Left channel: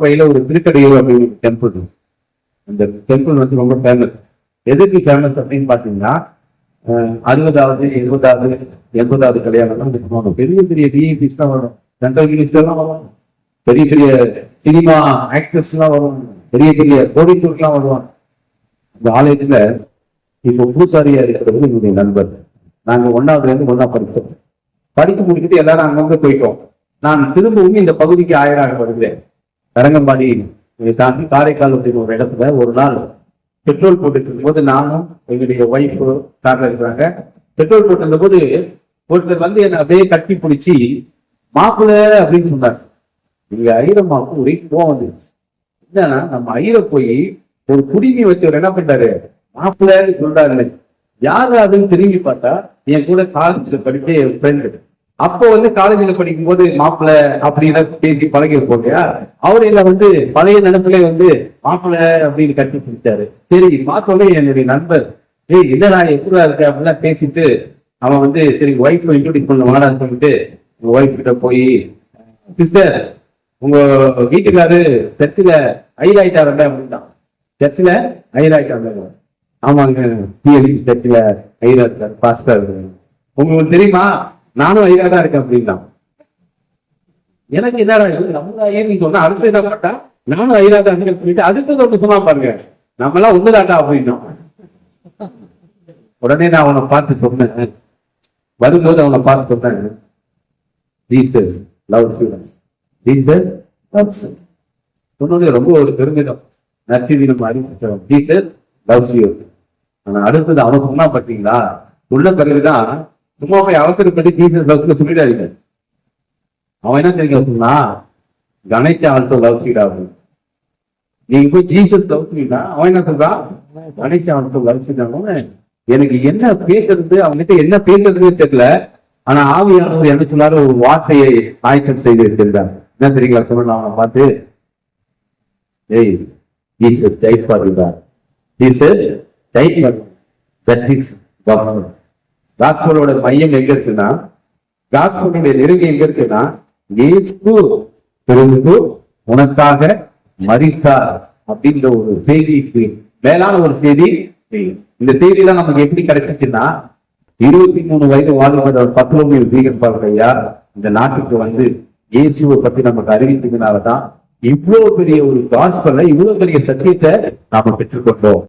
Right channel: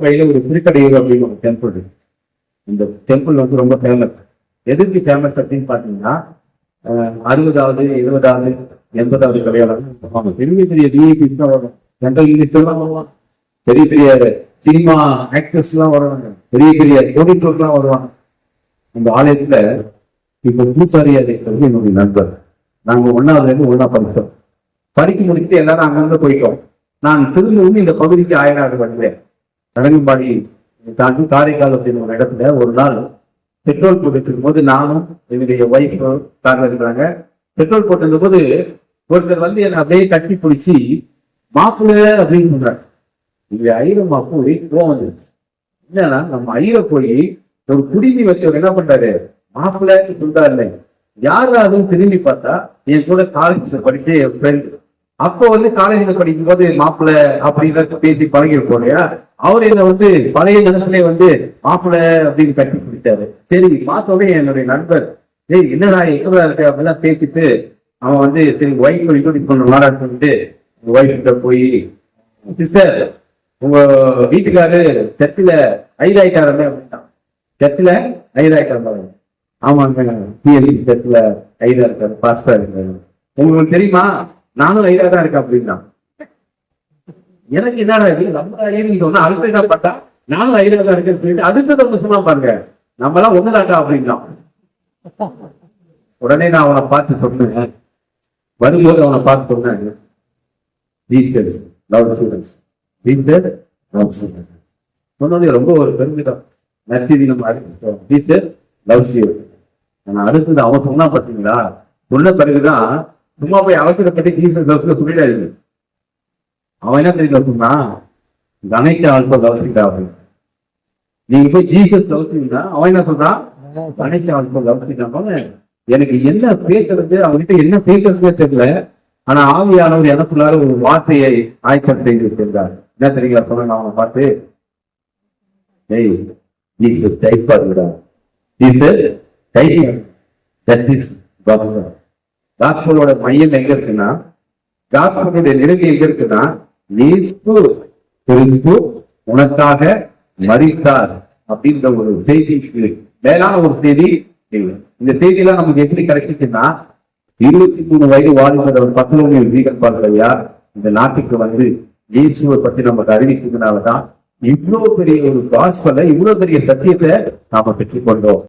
வயல ஒரு திருக்கடையூர் அப்படின்னு ஒரு டெம்பிள் இருக்கு. இந்த டெம்பிள் வந்து ரொம்ப ஃபேமஸ். எதுக்கு ஃபேமஸ் அப்படின்னு பாத்தீங்கன்னா 60வது 70வது 80வது கல்யாணம் பெரிய பெரிய விஐபிஸ் தான் வரும், சென்ட்ரல் மினிஸ்டர்லாம் வருவாங்க, பெரிய பெரிய சினிமா ஆக்டர்ஸ் எல்லாம் வருவாங்க, பெரிய பெரிய கோடீஸ்வரர்லாம் வருவாங்க. இந்த ஆலயத்துல இப்போ பூசாரியா இருக்கிறது என்னுடைய நண்பர். நாங்க 1வது இருந்து 1ஆ படித்தோம். படிக்க முடிச்சுட்டு எல்லாரும் அங்கங்க போயிட்டோம். நான் திரும்பவும் இந்த பகுதிக்கு ஆயராக வருவேன். தரங்கம்பாடி தாண்டி காரைக்கால் அப்படின்னு ஒரு இடத்துல ஒரு நாள் பெட்ரோல் போட்டுட்டு இருக்கும்போது நானும் என்னுடைய ஒய்ஃப் கார்ல இருக்கிறாங்க. பெட்ரோல் போட்டிருந்த போது ஒருத்தர் வந்து என்னை அப்படியே கட்டி பிடிச்சி மாப்பிள்ள அப்படின்னு சொன்னார். இங்க ஐரமாவுக்கு ஒரே கோவம் வந்துருச்சு. என்னன்னா நம்ம ஐர போய் ஒரு குடிநீ வச்சவர் என்ன பண்றாரு, மாப்பிள்ளன்னு சொல்றாரு. யாரு அதுன்னு திரும்பி பார்த்தா என் கூட காலேஜ்ல படிக்க என் ஃப்ரெண்டு. அப்போ வந்து காலேஜ்ல படிக்கும் போது மாப்பிள்ள அப்படின்னு பேசி பழகி இருப்போம் இல்லையா, அவரு என்ன வந்து பழைய நிலத்திலே வந்து மாப்பிள்ள அப்படின்னு கட்டி பிடிச்சாரு. சரி மாப்பிள்ளே என்னுடைய நண்பர், ஏய் இல்லடா எங்க இருக்க அப்படிலாம் பேசிட்டு அவன் வந்து சரி ஒய்ஃப் இன்ட்ரோடியூஸ் பண்ண வாடான்னு சொல்லிட்டு ஒய்ஃப் கிட்ட போய், சிஸ்டர் உங்க வீட்டுக்காரு சர்ச்சில் ஐராயிட்டாருல அப்படின்ட்டான். சர்ச்சில் ஐராயிட்டாரு. ஆமாங்க, பிஎல்சி சர்ச்சில் ஐரா இருக்காரு, பாஸ்டர் இருக்காரு. உங்களுக்கு தெரியுமா, நானும் ஐரா தான் இருக்கேன் அப்படின்னா. எனக்கு என்னடா இது, நம்ம ஐயன்னு சொன்னா அடுத்து என்ன பட்டா நானும் ஐரா தான் இருக்கேன்னு சொல்லிட்டு அடுத்தது ஒன்று சொன்னா பாருங்க, நம்மளாம் ஒண்ணுதாட்டா அப்படின்னா. உடனே நான் அவனை பார்த்து சொன்னேன், வரும்போது அவனை பார்த்து சொன்னேன், Jesus loves you, Jesus loves you. சொன்னோடனே ரொம்ப ஒரு பெருமிதம், நற்செய்தி நம்ம அறிவிச்சோம், ஜீசஸ் லவ்ஸ் யூ. ஆனா அடுத்தது அவன் சொன்னா பார்த்தீங்களா, சொன்ன பிறகுதான் சும்மா போய் அவசரப்பட்டு ஜீசஸ் லவ்ஸ் சொல்லிடாதீங்க. அவன் என்ன தெரியுங்க சொன்னா, கணேசா ஆல்சோ லவ்ஸ் யூ அப்படின்னு. நீங்க போய் ஜீசஸ் லவ்ஸ்னா அவன் என்ன சொல்றான், கணேசா ஆல்சோ லவ்ஸ் யூ. எனக்கு என்ன பேசுறது, அவன்கிட்ட என்ன பேசுறதுன்னு தெரியல. ஆனா ஆவியானவர் என்ன சொன்னாரு, ஒரு வார்த்தையை ஆயத்தம் செய்து இருக்கின்றார். என்ன தெரியுங்க சொன்ன அவனை பார்த்து, ஏய் ஜீசஸ் டைப் பண்ணுறா, ஜீசஸ் டைப் பண்ணு. That is gospel. காஸ்பலோட மையம் எங்க இருக்குன்னா, காஸ்பலுடைய நெருங்கி எங்க இருக்குன்னா, இயேசு கிறிஸ்து உனக்காக மரித்தார் அப்படின்ற ஒரு செய்திக்கு மேலான ஒரு செய்தி. இந்த செய்தியெல்லாம் நமக்கு எப்படி கிடைச்சிச்சுன்னா, 23 வயது வாழ்ந்த ஒரு 10 வீகன் பாருங்கய்யா இந்த நாட்டுக்கு வந்து இயேசுவை பத்தி நமக்கு அறிவிச்சதுனாலதான் இவ்வளவு பெரிய ஒரு காஸ்பலை, இவ்வளவு பெரிய சத்தியத்தை நாம பெற்றுக்கொண்டோம்.